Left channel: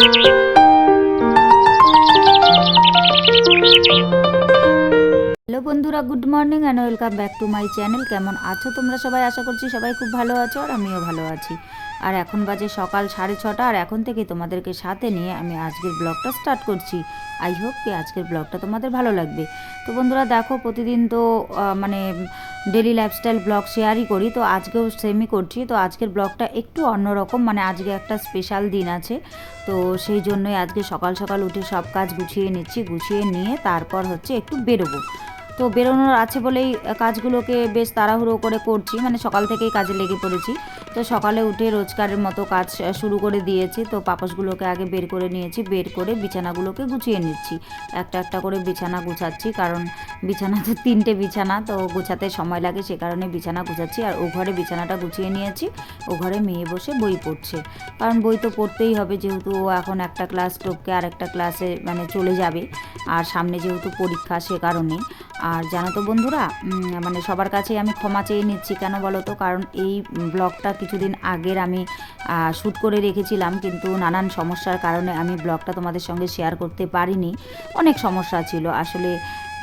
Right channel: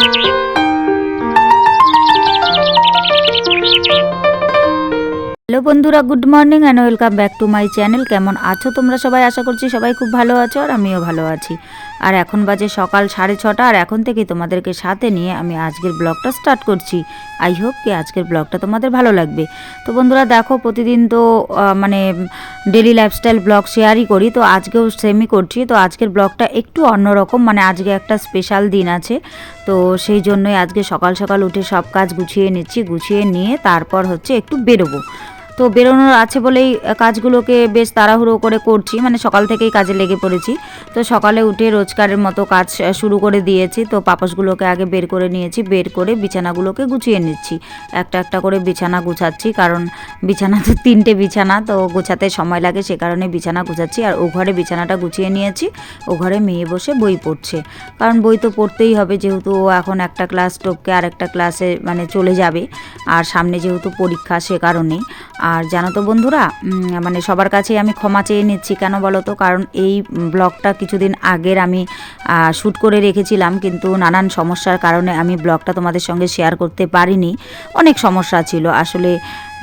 Hello বন্ধুরা, good morning and welcome back to my channel. কেমন আছো তোমরা সবাই? আশা করছি সবাই খুব ভালো আছো, আর আমিও ভালো আছি। আর এখন বাজে সকাল 6:30, আর এখন থেকে তোমাদেরকে সাথে নিয়ে আমি আজকের ব্লগটা স্টার্ট করছি। আই হোপ কি আজকের ব্লগটা তোমাদের ভালো লাগবে। তো বন্ধুরা দেখো, প্রতিদিন তো মানে ডেলি লাইফস্টাইল ব্লগ শেয়ারই করি, তো আজকেও সেমই করছি। তো আজকের ব্লগটা একটু অন্যরকম, মানে আজকে একটা স্পেশাল দিন আছে, তো সেই জন্যই আজকে সকাল সকাল উঠে সব কাজ গুছিয়ে নিচ্ছি। গুছিয়ে নিয়ে তারপর হচ্ছে একটু বেরোবো। তো বেরোনোর আছে বলেই কাজগুলোকে বেশ তাড়াহুড়ো করে করছি, মানে সকাল থেকেই কাজে লেগে পড়েছি। তো সকালে উঠে রোজকারের মতো কাজ শুরু করে দিয়েছি। তো পাপোশগুলোকে আগে বের করে নিয়েছি, বের করে বিছানাগুলোকে গুছিয়ে নিচ্ছি। একটা একটা করে বিছানা গুছাচ্ছি, কারণ বিছানা তো 3টে বিছানা, তো গোছাতে সময় লাগে, সে কারণে বিছানা গুছাচ্ছি। আর ও ঘরে বিছানাটা গুছিয়ে নিয়েছি। ও ঘরে মেয়ে বসে বই পড়ছে, কারণ বই তো পড়তেই হবে, যেহেতু ও এখন একটা ক্লাস টপকে আর একটা ক্লাসে মানে চলে যাবে, আর সামনে যেহেতু পরীক্ষা, সে কারণেই। আর জানো তো বন্ধুরা, মানে সবার কাছেই আমি ক্ষমা চেয়ে নিচ্ছি। কেন বলো তো? কারণ এই ব্লগটা কিছুদিন আগের আমি শ্যুট করে রেখেছিলাম, কিন্তু নানান সমস্যার কারণে আমি ব্লগটা তোমাদের সঙ্গে শেয়ার করতে পারিনি। অনেক সমস্যা ছিল আসলে,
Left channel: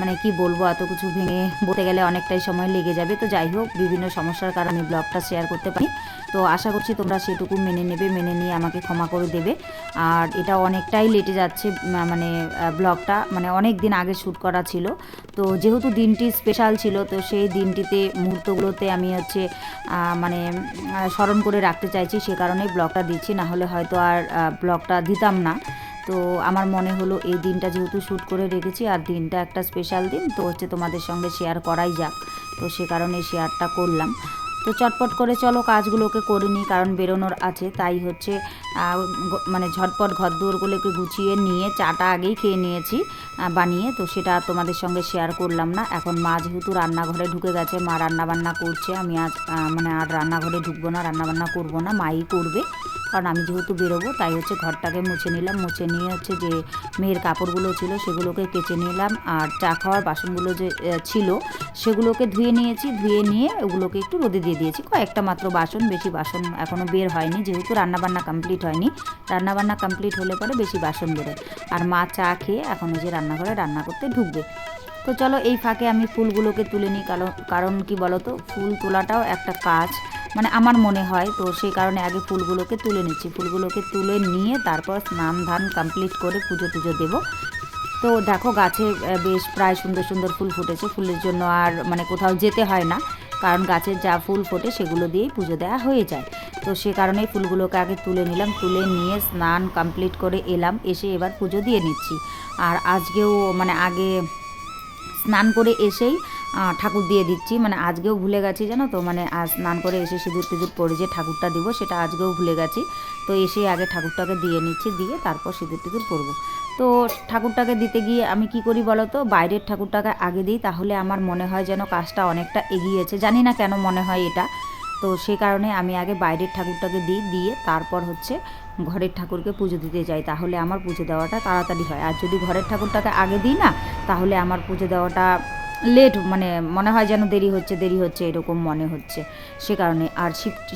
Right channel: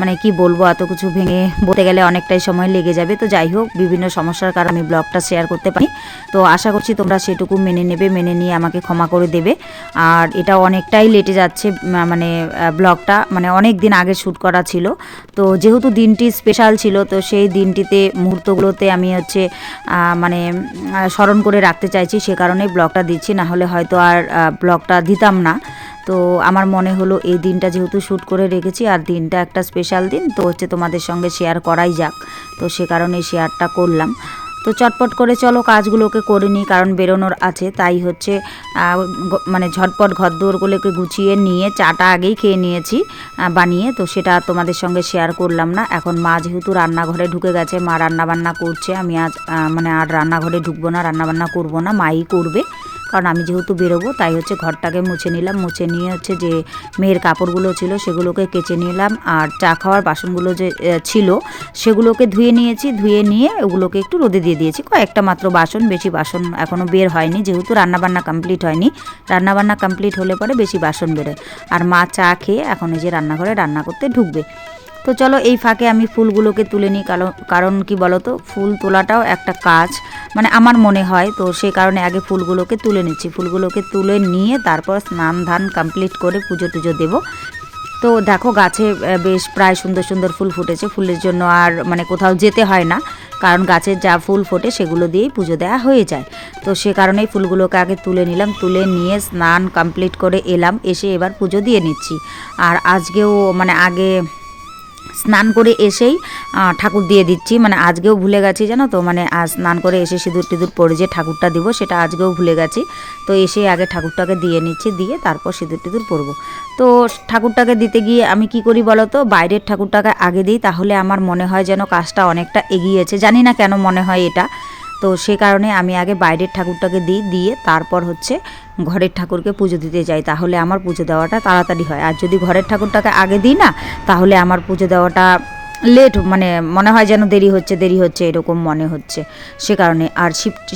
মানে কি বলবো, এত কিছু ভেঙে বলতে গেলে অনেকটাই সময় লেগে যাবে। তো যাই হোক, বিভিন্ন সমস্যার কারণে আমি ব্লগটা শেয়ার করতে পারি। তো আশা করছি তোমরা সেটুকু মেনে নেবে, মেনে নিয়ে আমাকে ক্ষমা করে দেবে। আর এটা অনেকটাই লেটে যাচ্ছে, মানে ব্লগটা মানে অনেক দিন আগে শ্যুট করা ছিল। তো যেহেতু দিনটি স্পেশাল ছিল, তো সেই দিনটিতে মুহূর্তগুলোতে আমি হচ্ছে মানে স্মরণ করে রাখতে চাইছি, সে কারণেই ব্লগটা দিচ্ছি। না হলে হয়তো আর ব্লগটা দিতাম না। তো আমার মনে হলো এই দিনটা যেহেতু শ্যুট করে রেখেছি, আর দিনটা একটা স্পেশাল দিন, তো হচ্ছে তোমাদের সঙ্গে শেয়ার করাই যাক। তো সে কারণে শেয়ারটা করলাম। তো চটপট করে চলো কাজগুলোকে করে নিই, কারণ বেরোনোর আছে। তাই হচ্ছে মানে ঝটপট ঘরদুয়ারগুলোকে গুছিয়ে নিয়ে চাটা আগেই খেয়ে নিয়েছি বানিয়ে, তো সেটা তোমাদের সঙ্গে শেয়ার করলাম না। এখন মা যেহেতু রান্নাঘরে ঢুকে গেছে, মা রান্নাবান্না করছে। আমি আজ মানে আর রান্নাঘরে ঢুকবো না, রান্নাবান্না করবো না, মাই করবে। কারণ আমি যেহেতু বেরোবো, তাই হচ্ছে ঘরটাকে মুছে নিলাম। মুছে নিয়ে হচ্ছে যে মেয়ের কাপড়গুলো ছিল সেগুলোকে কেচে নিলাম, আর চা খাওয়ার বাসনগুলো যে ছিল সেগুলোকে ধুয়ে নিয়েছি। ধুয়ে নিয়ে ওগুলোকে একটু রোদে দিয়ে দিয়েছি। কয়েকটা মাত্র বাসন, বেশি বাসন এখনও বের হয়নি, যেহেতু রান্নাবান্না কমপ্লিট হয়নি। রান্নাবান্না কমপ্লিট হলে পরে বেশি বাসন বেরোয়। আর মা চা খেয়ে এখন এই যে রান্নাঘরে রান্না করতে ঢুকবে। তো চলো এই ফাঁকে আমি ফুলগুলোকে তুলে নিই, কারণ কি বলো তো, ফুল তোলাটাও একটা কাজ, মানে আমার মনে হয়। তো সেই কারণে আগে ফুলগুলোকে তুলে নিচ্ছি। ফুলগুলোকে তুলে নিয়ে তারপর স্নান ধান কমপ্লিট করে পুজো টুজো দেবো। তো দেখো গাছে বেশ প্রায় সুন্দর সুন্দর ফুল ফুটেছে। ফুলের জন্য আর মানে কোথাও যেতে হয় না, কারণ গাছের যা ফুল ফোটে সেগুলো দিয়েই পুজো দেওয়া হয়ে যায়। তো সে কারণেই ফুলগুলোকে আগে তুলে নিলাম। তুলে নিয়ে স্নান কমপ্লিট করে এলাম, এসে এবার পুজো দিয়ে নিচ্ছি। আর আজকেও মানে আগে স্নান করে এসেই ঠাকুর দিয়ে দিচ্ছি, মানে আজকেও ভুলে গেছি জানো তো, মানে স্নান করে এসে সিঁদুর টিঁদুর পরে যে ঠাকুরটা দিব সেটা আজকেও ভুলে গেছি। তো এসে আগে ঠাকুরটাকে দিয়ে নিচ্ছি, দিয়ে তারপর সিঁদুর টিঁদুর পরবো। তো ঠাকুরটাকে দিতে গিয়ে আমি কি করি বলো তো, বাইরের ঠাকুরটাকে আগে দিই, তাহলে আমার মনে হয় যেন কাজটা অনেকটা এগিয়েছে। জানি না কেন মনে হয় এটা। তো সে কারণে আমি আগে বাইরের ঠাকুরটাকে দিই, দিয়ে তারপর হচ্ছে ঘরের ঠাকুরকে পুজো দিতে যাই, তাহলে আমার পুজো দেওয়াটা তাড়াতাড়ি হয়। আর যদি ঘরের ঠাকুরটাকে আগে দিই না, তাহলে আমার পুজো দেওয়াটা লেট, মানে মনে হয় যেন দেরি হচ্ছে এরকম মনে হচ্ছে। সে কারণে। আর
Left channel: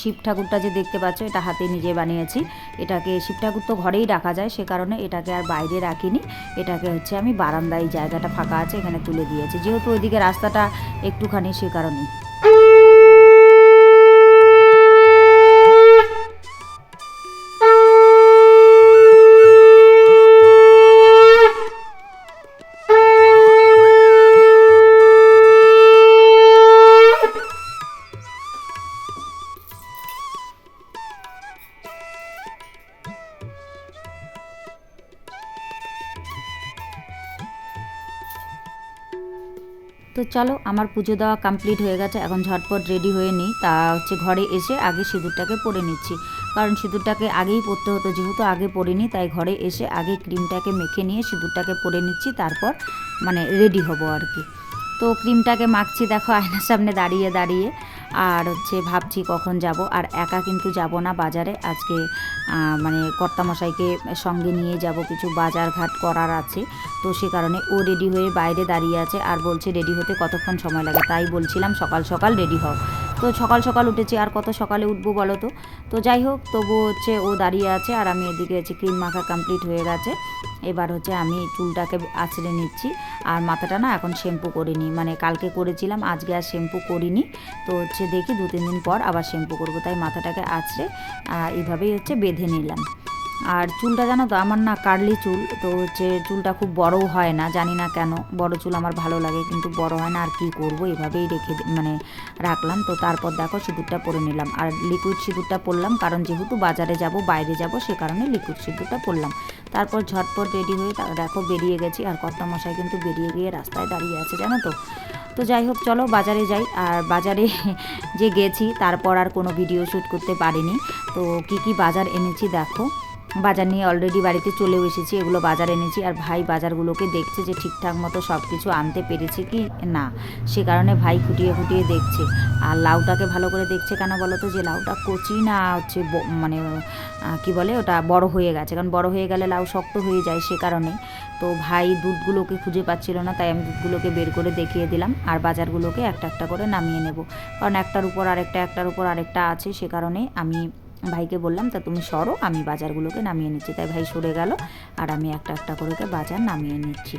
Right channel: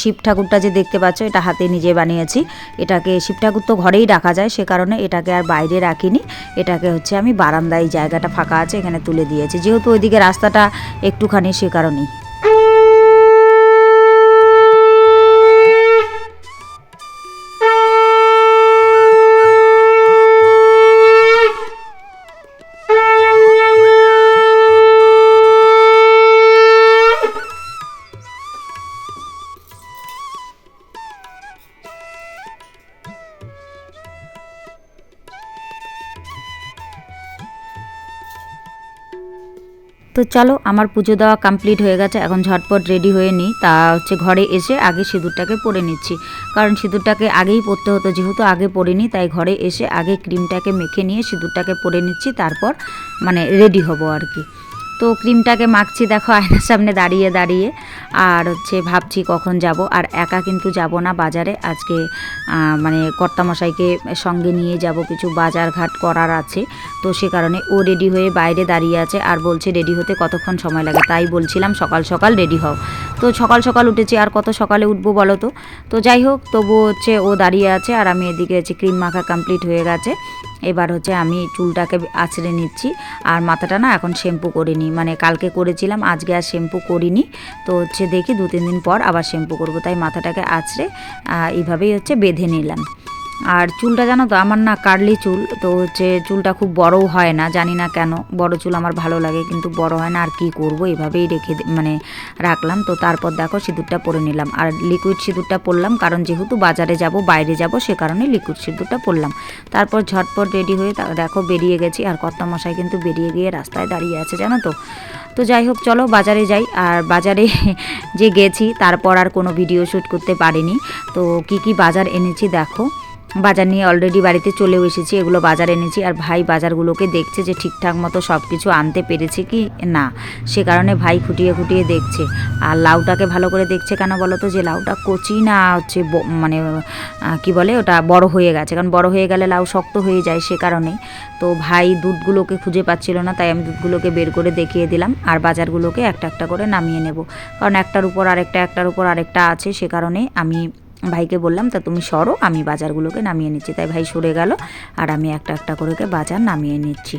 শিব ঠাকুরটা যে দেখতে পাচ্ছ, এটা হাতে নিজে বানিয়েছি। এটাকে শিব ঠাকুর তো ঘরেই রাখা যায়, সে কারণে এটাকে আর বাইরে রাখিনি। এটাকে হচ্ছে আমি বারান্দায়, জায়গাটা ফাঁকা আছে এখানে তুলে দিয়েছি, যেহেতু ওইদিকে রাস্তাটা একটুখানি, সে কারণেই। তো চলো আমার পুজো দেওয়া কমপ্লিট হয়ে গেছে, এখন ঝটপট রেডি হয়ে নিই। তা হচ্ছে ঘরে এসে আগে সিঁদুরটাকে পরে নিচ্ছি, কারণ সিঁদুরটাকে আগেই পরতে হতো, যেহেতু আগে পরিনি, তাই ঘরে এসে আগে ক্রিমটাকে মেখে নিয়ে সিঁদুরটাকে পরে নিচ্ছি, তারপর মানে রেডি হব আর কি। তো ক্রিমটাকে মাখছি দেখো আয়নার সামনে দাঁড়িয়ে দাঁড়িয়ে। আর হচ্ছে ভাবছি কখন যাব। আর একা কিন্তু যাব না বাজারে আজকে, মানে কর্তামশাইকে সঙ্গে নিয়ে যাব, কিছু বাজার ঘাট করার আছে। তো সে কারণে ও রেডি হয়ে বাইরে দাঁড়িয়ে আছে, আর বলছে রেডি হতে কতক্ষণ সময় লাগে, তাই বলছিলাম সকাল সকাল রেডি হও। তো সকাল সকাল উঠেছি, আর কত সকালে উঠবো বলো তো। তো যাই হোক, তবু হচ্ছে ও দাঁড়িয়ে আছে আর আমি এদিকে হচ্ছে ক্রিম মাখা কমপ্লিট হয়ে গেছে। এবার হচ্ছে আমি চুলটাকে আঁচড়ে নিচ্ছি, আর মাথাটা না এখন শ্যাম্পু করিনি, মানে কালকে করেছিলাম, আজকে আর শ্যাম্পু করিনি। তো হচ্ছে দেখি 2-3 দিন পর আবার শ্যাম্পু করবো, তাই মাথাটাকে আঁচড়ে এইভাবেই হচ্ছে বেঁধে নিলাম। আর চুলটা জানো তো আমার না কার্লি চুল, তো হচ্ছে চুলটা খুব বড়ও হয় না, জানি না কেন, বড় চুল আমার ভালো লাগে কিন্তু বড় হয় না, আর কি করব, এভাবেই মানে রাখলাম। তো তারপর দেখো সিঁদুরটা পরে নিলাম, আর লিকুইড সিঁদুরটা পরলাম, কারণ যেহেতু বাজারে যাব, বাইরে যাব, সে কারণে লিকুইড সিঁদুরটা পরলাম। তারপর ঝটপট রেডি হয়ে দেখো বেরিয়ে গেছি, আর কর্তামশাই কিন্তু বেরিয়ে গিয়ে রাস্তায় দাঁড়িয়ে আছে জানো তো। তো যাই হোক, চলো বাজারে যাই। আর বাজারে যে গেছি তারপর আর কোনো ভিডিও শ্যুট করতে পারিনি। তো কি বাজার এনেছি দেখো, বাজার নিয়ে অলরেডি বাড়িতে চলেও এসেছি, এগুলো বাজার এনেছি। আর ভাই বাজারগুলোকে দেখছে যে ঠিকঠাক মতো সব কিছু আনতে পেরেছে কি না, সে কারণে ভাই খুঁটিয়ে খুঁটিয়ে দেখছে। আর লাউটাকে ভালো করে দেখছে কেন বলো তো, যে লাউটা কচি না হচ্ছে মানে কি বলে ওটা বড় হয়ে গেছে, কারণ বড় হয়ে গেলে লাউ শক্ত হয়ে যায়, সে কারণে। তো ভাই দুধগুলোকে খুঁজে পাচ্ছিল না, তাই আমি দুধগুলোকে বের করে দেখিয়ে দিলাম। আর বাজারগুলোকে একটা একটা করে নামিয়ে নেব, কারণ একটার উপর আরেকটা, একটার উপর আরেকটা আছে, সে কারণে আমি ভাইকে বললাম তা তুমি সরো, আমি বাজারগুলোকে নামিয়ে নিচ্ছি। তাই ভাই সরে গেল, আর আমি একটা একটা করে বাজার নামিয়ে নিচ্ছি,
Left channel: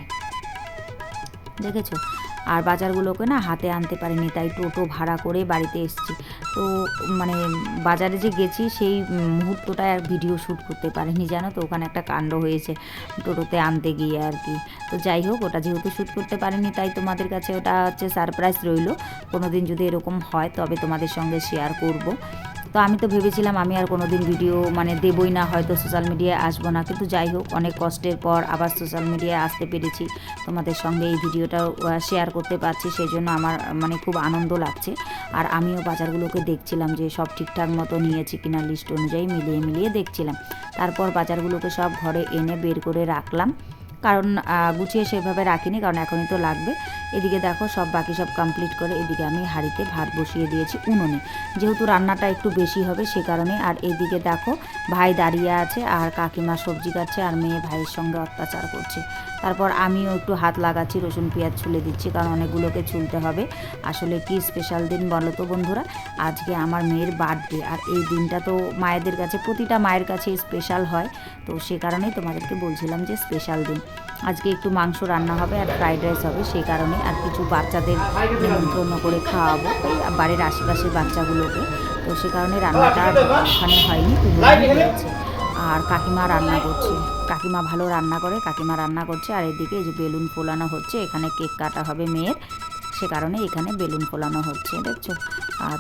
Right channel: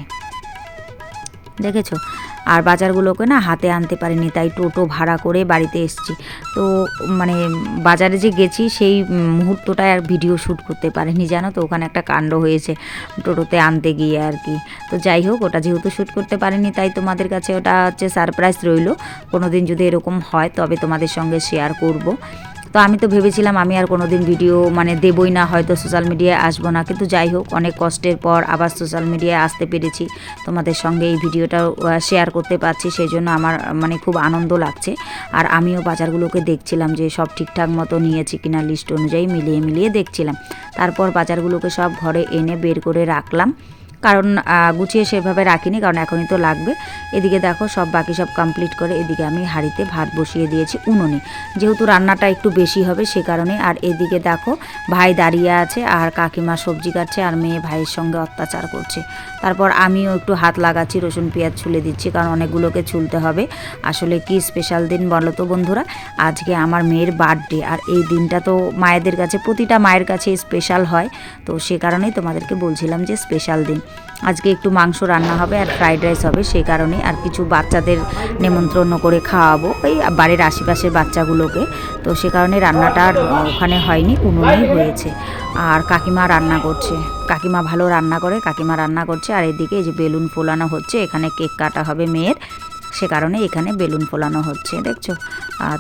দেখেছো। আর বাজারগুলোকে না হাতে আনতে পারিনি, তাই টোটো ভাড়া করে বাড়িতে এসেছি। তো মানে বাজারে যে গেছি সেই মুহূর্তটায় আর ভিডিও শ্যুট করতে পারিনি জানো তো, ওখানে একটা কাণ্ড হয়েছে টোটোতে আনতে গিয়ে আর কি। তো যাই হোক, ওটা যেহেতু শ্যুট করতে পারিনি, তাই তোমাদের কাছে ওটা হচ্ছে সারপ্রাইজ রইল। কোনো দিন যদি এরকম হয় তবে তোমাদের সঙ্গে শেয়ার করব। তো আমি তো ভেবেছিলাম আমি আর কোনো দিন ভিডিও মানে দেবই না, হয়তো সোশ্যাল মিডিয়ায় আসবো না, কিন্তু যাই হোক, অনেক কষ্টের পর আবার সোশ্যাল মিডিয়ায় আসতে পেরেছি, তোমাদের সঙ্গে এই ভিডিওটাও শেয়ার করতে পারছি, সেই জন্য আমার মানে খুব আনন্দ লাগছে। আর আমিও বাজারগুলোকে দেখছিলাম যে সব ঠিকঠাক মতো নিয়েছি কিনা, লিস্ট অনুযায়ী মিলিয়ে মিলিয়ে দেখছিলাম। তারপর বাজারগুলোকে সব ঘরে এনে বের করে রাখলাম, কারণ গুছিয়ে সেভাবে রাখিনি, কারণ এখনই তো লাগবে। এদিকে দেখো সব বাকি সব কমপ্লিট করে এদিকে আমি হাঁড়িতে ভাত বসিয়ে দিয়েছি উনুনে, যেহেতু রান্নাটা একটু বেশি হবে সে কারণে। আর এদিকে দেখো ভাই দাঁড়িয়ে আছে, আর কাকিমা সবজি কাটছে, আর মেয়ে ভাইয়ের সঙ্গে অত্যাচার করছে। তারপর আমিও একটু হাত লাগাচ্ছি, রসুন পেঁয়াজ ছুলে দিচ্ছি, কারণ অনেকগুলোকে ছুলতে হবে। আসলে কি স্পেশাল দিন বলো তো বন্ধুরা, আজকে আমার মেয়ের বার্থডে, আর এই দিনটা তো মায়েদের কাছে, প্রতিটা মায়ের কাছে স্পেশাল হয়। তো সে কারণেই তোমাদেরকে বলছিলাম যে স্পেশাল দিন। আজকে একটু মাংস রান্না হবে আর ফ্রাইড রাইস হবে, সেই কারণে। আর কিছু বাচ্চাদের নেমন্ত্রণ করে খাওয়াবো, ওই বাড়ির আশেপাশের বাচ্চাগুলোকে। তো সে কারণে রান্নাটা ওখানে হয়নি, উনুনেই হয়েছে। আর কাকিমা রান্না করছে, কাকিমা ভালো রান্না করে, কাকিমা রান্না করছে। আর এদিকে এই যে বেলুন ফোলানো হচ্ছে, এখানে কেক কাটা হবে মেয়ের, সে কারণে এখানে বেলুন ফোলানো হচ্ছে, দেখছো।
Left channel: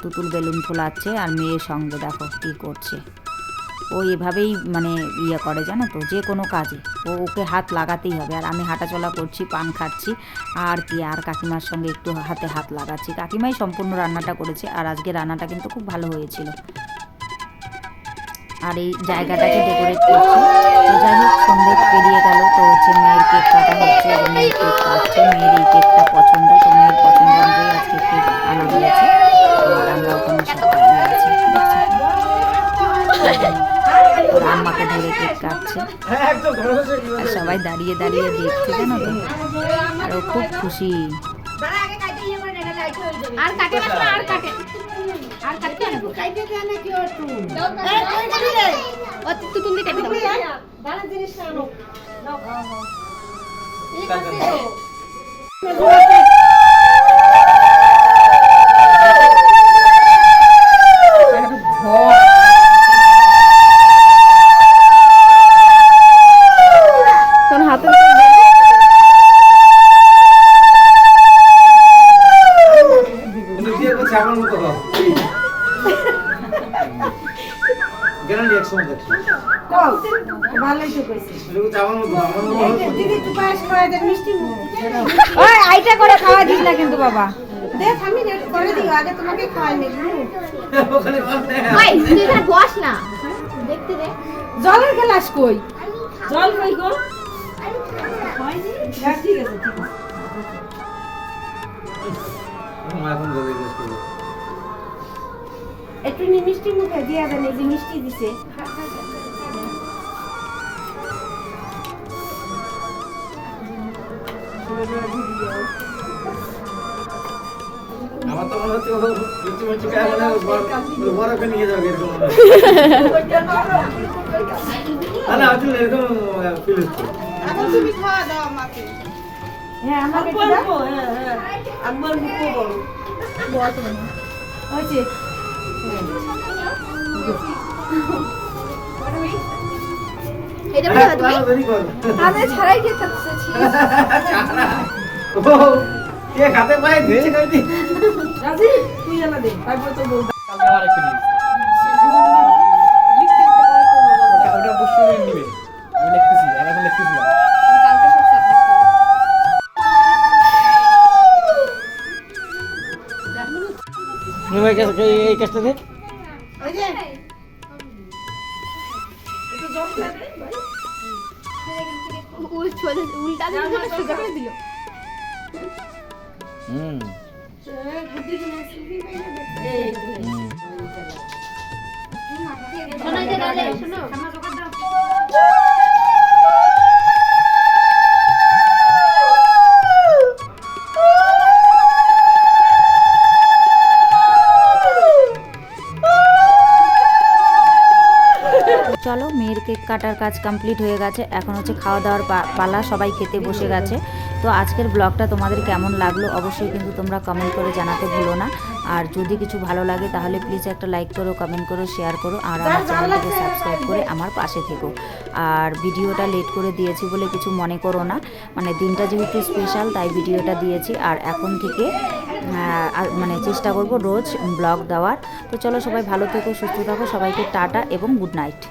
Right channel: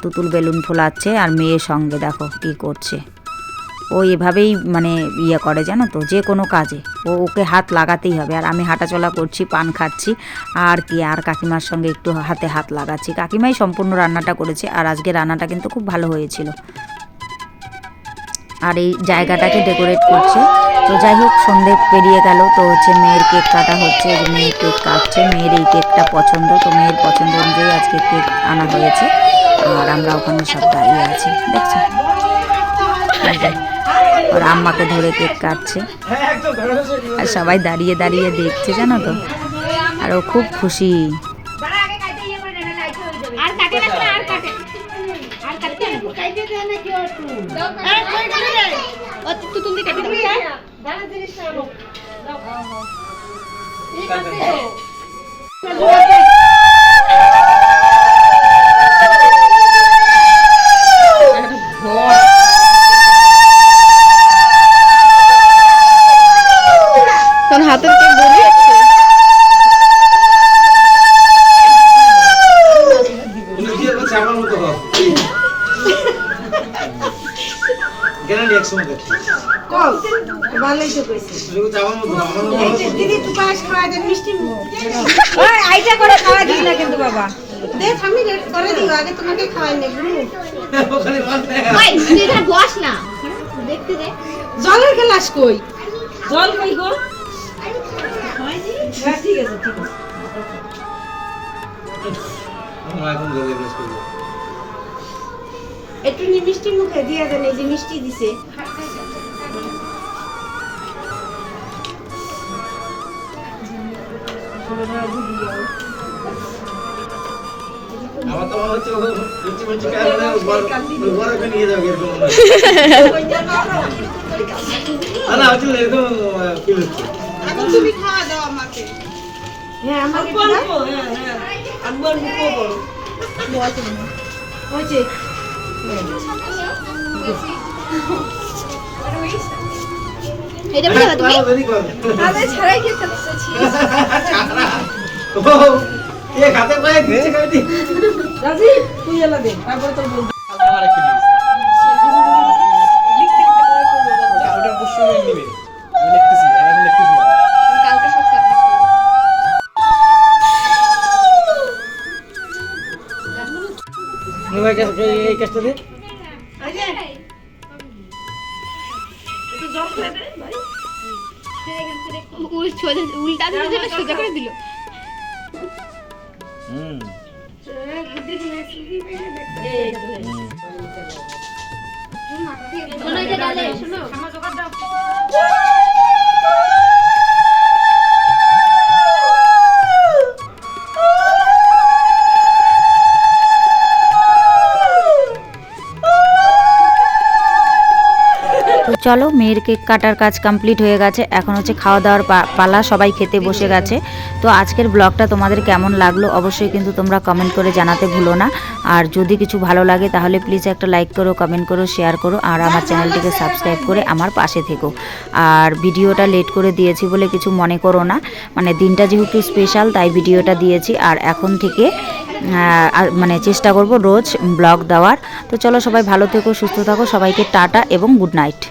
তুতুল বেলুন ফোলাচ্ছে, আর মেয়ের সঙ্গে দেখো কী করছে। ও এভাবেই মানে ইয়ে করে জানো তো, যে কোনো কাজে ওকে হাত লাগাতেই হবে। আর আমি হাঁটাচলা করছি, পান খাচ্ছি, আর কি, আর কাকিমার সঙ্গে একটু হাতে হাত লাগাচ্ছি। কাকিমাই সম্পূর্ণ রান্নাটা করেছে, আর আজকে রান্নাটা কিন্তু খুব ভালো হয়েছিল। আর এই জায়গাটাকে ডেকোরেট করছে। তো যাই হোক, সন্ধে পেরিয়ে গেল, তো হচ্ছে মেয়ের কেক কাটা হচ্ছে, মেয়ের কেক কাটছে, মেয়ের এই কেকটা পছন্দ, তো মেয়ের পছন্দ অনুযায়ী আজকে কেক আনা হয়েছে। আর আমরা ওখানে সব দাঁড়িয়ে আছি, দেখছি। ওর আম্মাকে ধরে কেক কাটছে, আর সবাই দাঁড়িয়ে দাঁড়িয়ে দেখছে জানো তো, আর ও খুব খুশি। হাতের কেক বেরিয়ে দিদি তুই পায়েস খাওয়াই দে, মিষ্টি আইটা করে খাওয়াই দিস না কিন্তু বাবা, দেখ আমি রেড করে দিই, আগে তোমাকে খাওয়াই নে গুরু। ভাই তুই এখানে বস না, দেখতে দে। জলের গ্লাস কই, জল কই গো? হ্যাঁ ঠিক আছে, ঠিক আছে। আমরা এখন জলের গ্লাস করব। একটু মিষ্টি মুখে দিয়া দেন, এই যে মিষ্টি দিছে। আমার তো মনে হচ্ছে ও মিষ্টি মিষ্টি খায় মানে বরফে নিয়ে যাবে এরকম মনে হচ্ছে। না হচ্ছে এরকম ফিল হচ্ছে। এখন তুমি খাওয়া দাও আমাকে। হ্যাঁ আমাকে অল্প হ্যাঁ হ্যাঁ আমার মুখও বড় হয়েছে এটা বলে না তুমি দেরি কর। আরে ছাড়াই খেতে বসেছি। ছাড়া। ও কে খাতে পায় ধীরে করে দি। রাজি তুই এলা দে তারপর তোর বউ আমার একটু নিস। ওটা অবশ্যই নিবে। আমি লিখতেছি, এখন লিখতেছি না। কালকে সব সাবমিট করব। নিবে এই কেসটা দে। উল্টা দিলে সোজা করে দিল হুম। শোনো যে দাদা শোনো তো চলো, মেয়ের কেক কাটার কাজ কমপ্লিট হয়ে গেছে, এখন হচ্ছে খাওয়া দাওয়ার পালা, সবাই খেতে বসে গেছে। তো আজকের ব্লগটা তোমাদের কেমন লাগলো অবশ্যই কিন্তু তোমরা কমেন্ট করে জানাতে ভুলো না। আর যদি কিছু ভালো লাগে তাহলে প্লিজ একটা লাইক করো, কমেন্ট করো, শেয়ার করো, আর আমার চ্যানেলটিকে সাবস্ক্রাইব করে আমার পাশে থেকো। আর ভিডিওটা লেট করে দিয়েছি বলে কিছু মনে করো না, মানে দিনটা যেহেতু স্পেশাল তাই ভিডিওটা দিয়েছি। আর এখন থেকে মানে চেষ্টা করব রোজ ব্লগ দেওয়ার। তো চলো, সবাই ভালো থেকো, সুস্থ থাকো, সবাইকে টাটা এবং গুড নাইট।